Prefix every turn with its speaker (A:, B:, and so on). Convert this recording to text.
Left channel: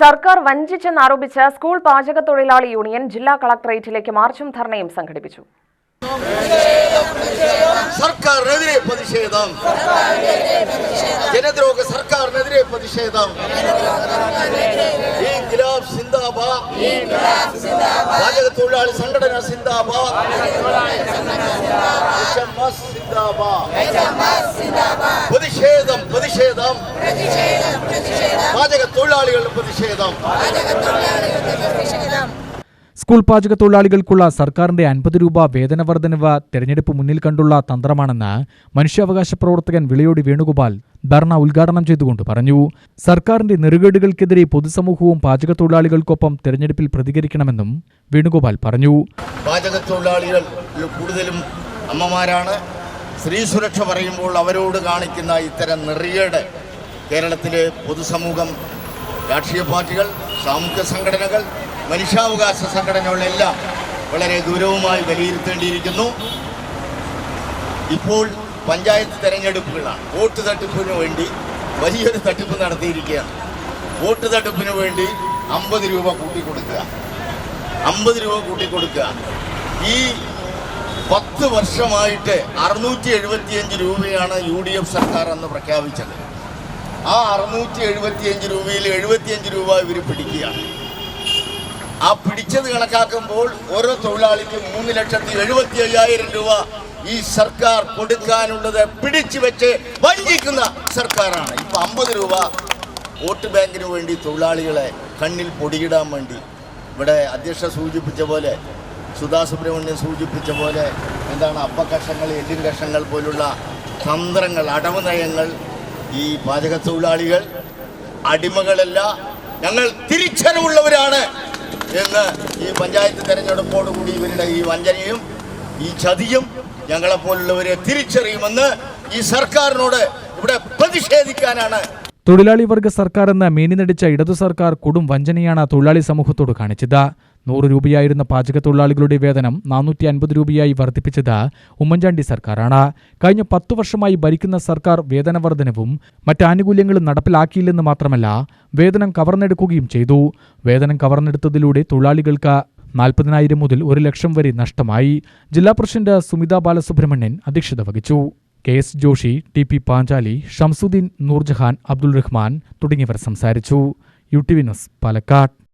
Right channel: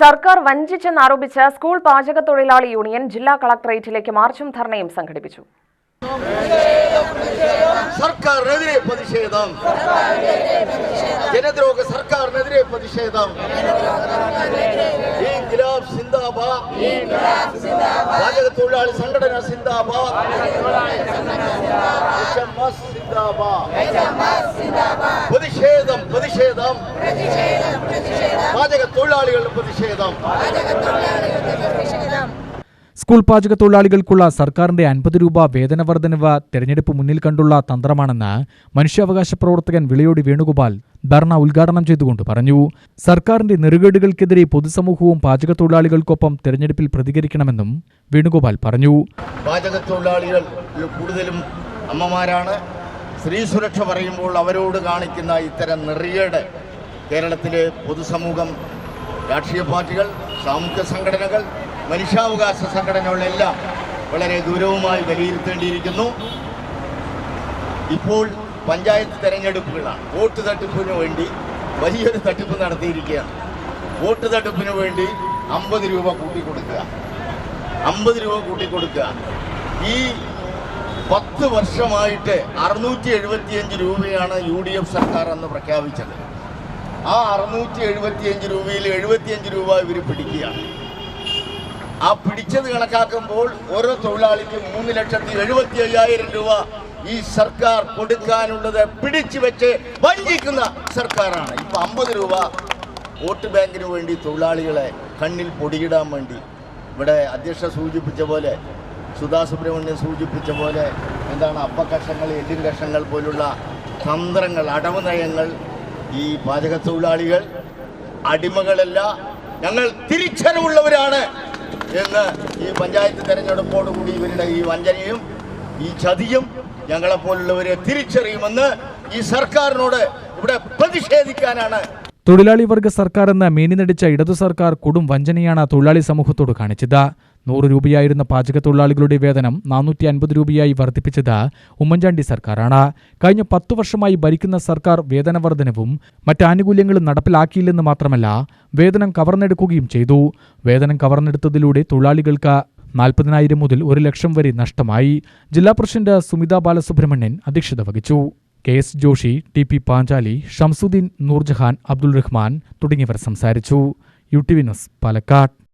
A: സർക്കാർ വഞ്ചിച്ചെന്നാരോപിച്ച് സ്കൂൾ പാചക തൊഴിലാളി യൂണിയൻ ജില്ലാ കളക്ടറേറ്റിലേക്ക് മാർച്ചും ധർണയും സംഘടിപ്പിച്ചു.
B: സർക്കാരിനെതിരെ പ്രതിഷേധം. ജനദ്രോഹ സർക്കാരിനെതിരെ പ്രതിഷേധം. സിന്ദാബാദ്. പാചക തൊഴിലാളി സംഘടന സിന്ദാബാദ്. സിന്ദാബാദ്. പ്രതിഷേധം പ്രതിഷേധം. പാചക തൊഴിലാളികളുടെ പ്രതിഷേധം.
C: സ്കൂൾ പാചക തൊഴിലാളികൾക്കുള്ള സർക്കാരിന്റെ അൻപത് രൂപ വേതന വർധനവ് തെരഞ്ഞെടുപ്പ് മുന്നിൽ കണ്ടുള്ള തന്ത്രമാണെന്ന് മനുഷ്യാവകാശ പ്രവർത്തകൻ വിളയോടി വേണുഗോപാൽ ധർണ ഉദ്ഘാടനം ചെയ്തുകൊണ്ട് പറഞ്ഞു. സർക്കാരിന്റെ നെറുകേടുകൾക്കെതിരെ പൊതുസമൂഹവും പാചക തൊഴിലാളികൾക്കൊപ്പം തെരഞ്ഞെടുപ്പിൽ പ്രതികരിക്കണമെന്നും വേണുഗോപാൽ പറഞ്ഞു.
B: പാചക തൊഴിലാളികൾ കൂടുതലും അമ്മമാരാണ്. സ്ത്രീ സുരക്ഷ പറയുമ്പോൾ അവരോട് കാണിക്കുന്ന ഇത്തരം നെറിയേട് കേരളത്തിലെ പൊതുസമൂഹം രാഷ്ട്രീയ പാർട്ടികൾ സാമൂഹ്യ സംഘടനകൾ മനുഷ്യാവകാശ സംഘടനകളെല്ലാം വളരെ ഗൗരവമായി വിലയിരുത്തേണ്ടിയിരിക്കുന്നു. ഇപ്പോൾ പഞ്ചായത്ത് തെരഞ്ഞെടുപ്പുകളാണ്. വോട്ട് തട്ടിപ്പിന് വേണ്ടി വലിയൊരു തട്ടിപ്പ് നടത്തിയിരിക്കുകയാണ്. വോട്ട് തട്ടിപ്പിന് വേണ്ടി അമ്പത് രൂപ കൂട്ടിക്കൊടുക്കുക. അമ്പത് രൂപ കൂട്ടിക്കൊടുക്കുക. ഈ പത്ത് വർഷമായിട്ട് അറുന്നൂറ്റി എഴുപത്തിയഞ്ച് രൂപയാണ് യു ഡി എഫ് സർക്കാർ അന്ന് പ്രഖ്യാപിച്ചത്. ആ അറുന്നൂറ്റി എഴുപത്തിയഞ്ച് രൂപയിൽ എഴുപത്തിയഞ്ച് രൂപ ഇവർ പിടിക്കുകയാണ്. ആ പിടിച്ചത് കണക്കാക്കുമ്പോൾ ഓരോ തൊഴിലാളിക്കും മൂന്ന് ലക്ഷത്തി എഴുപത്തി അയ്യായിരം രൂപ ഈ സർക്കാർ കൊടുക്കാനുള്ളത് പിടിച്ചു വെച്ച് വഞ്ചിക്കുന്ന സർക്കാരാണ്. ഇപ്പൊ അമ്പത് രൂപ വോട്ട് ബാങ്കിന് വേണ്ടി തൊഴിലാളികളെ കണ്ണിൽ പൊടിയിടാൻ വേണ്ടി ഇവിടെ അധ്യക്ഷ സൂചിപ്പിച്ച പോലെ സുധാ സുബ്രഹ്മണ്യൻ സൂചിപ്പിച്ച പോലെ എന്താണ് അപ്പക്കഷങ്ങൾ എല്ലിൻ കഷങ്ങൾ പോലുള്ള തന്ത്രങ്ങൾ അടവ് നയങ്ങൾ ഈ പാചക തൊഴിലാളികൾ അടിമകളല്ല ഞങ്ങൾ തിരിച്ചറിവുള്ളവരാണ് എന്ന് ഈ പഞ്ചായത്ത് തെരഞ്ഞെടുപ്പോടുകൂടി ഇവരുടെ ഈ വഞ്ചനയും ഈ ചതിയും ഞങ്ങളെപ്പോലുള്ളവരെ തിരിച്ചറിയുമെന്ന് ഈ സർക്കാരിനോട് ഇവിടെ പ്രതിഷേധിക്കാനാണ്
C: തൊഴിലാളി വർഗ സർക്കാർ എന്ന മേനിനടിച്ച ഇടതു സർക്കാർ കൊടും വഞ്ചനയാണ് തൊഴിലാളി സമൂഹത്തോട് കാണിച്ചത്. നൂറ് രൂപയായിരുന്ന പാചക തൊഴിലാളികളുടെ വേതനം നാനൂറ്റി അൻപത് രൂപയായി വർദ്ധിപ്പിച്ചത് ഉമ്മൻചാണ്ടി സർക്കാരാണ്. കഴിഞ്ഞ പത്തു വർഷമായി ഭരിക്കുന്ന സർക്കാർ വേതനവർദ്ധനവും മറ്റ് ആനുകൂല്യങ്ങളും നടപ്പിലാക്കിയില്ലെന്ന് മാത്രമല്ല വേതനം കവർന്നെടുക്കുകയും ചെയ്തു. വേതനം കവർന്നെടുത്തതിലൂടെ തൊഴിലാളികൾക്ക് നാൽപ്പതിനായിരം മുതൽ ഒരു ലക്ഷം വരെ നഷ്ടമായി. ജില്ലാ പ്രസിഡന്റ് സുമിത ബാലസുബ്രഹ്മണ്യൻ അധ്യക്ഷത വഹിച്ചു. K S Joshi T P Panchali Shamsuddin Noorjahan Abdul Rahman തുടങ്ങിയവർ സംസാരിച്ചു. U T V news Palakkad.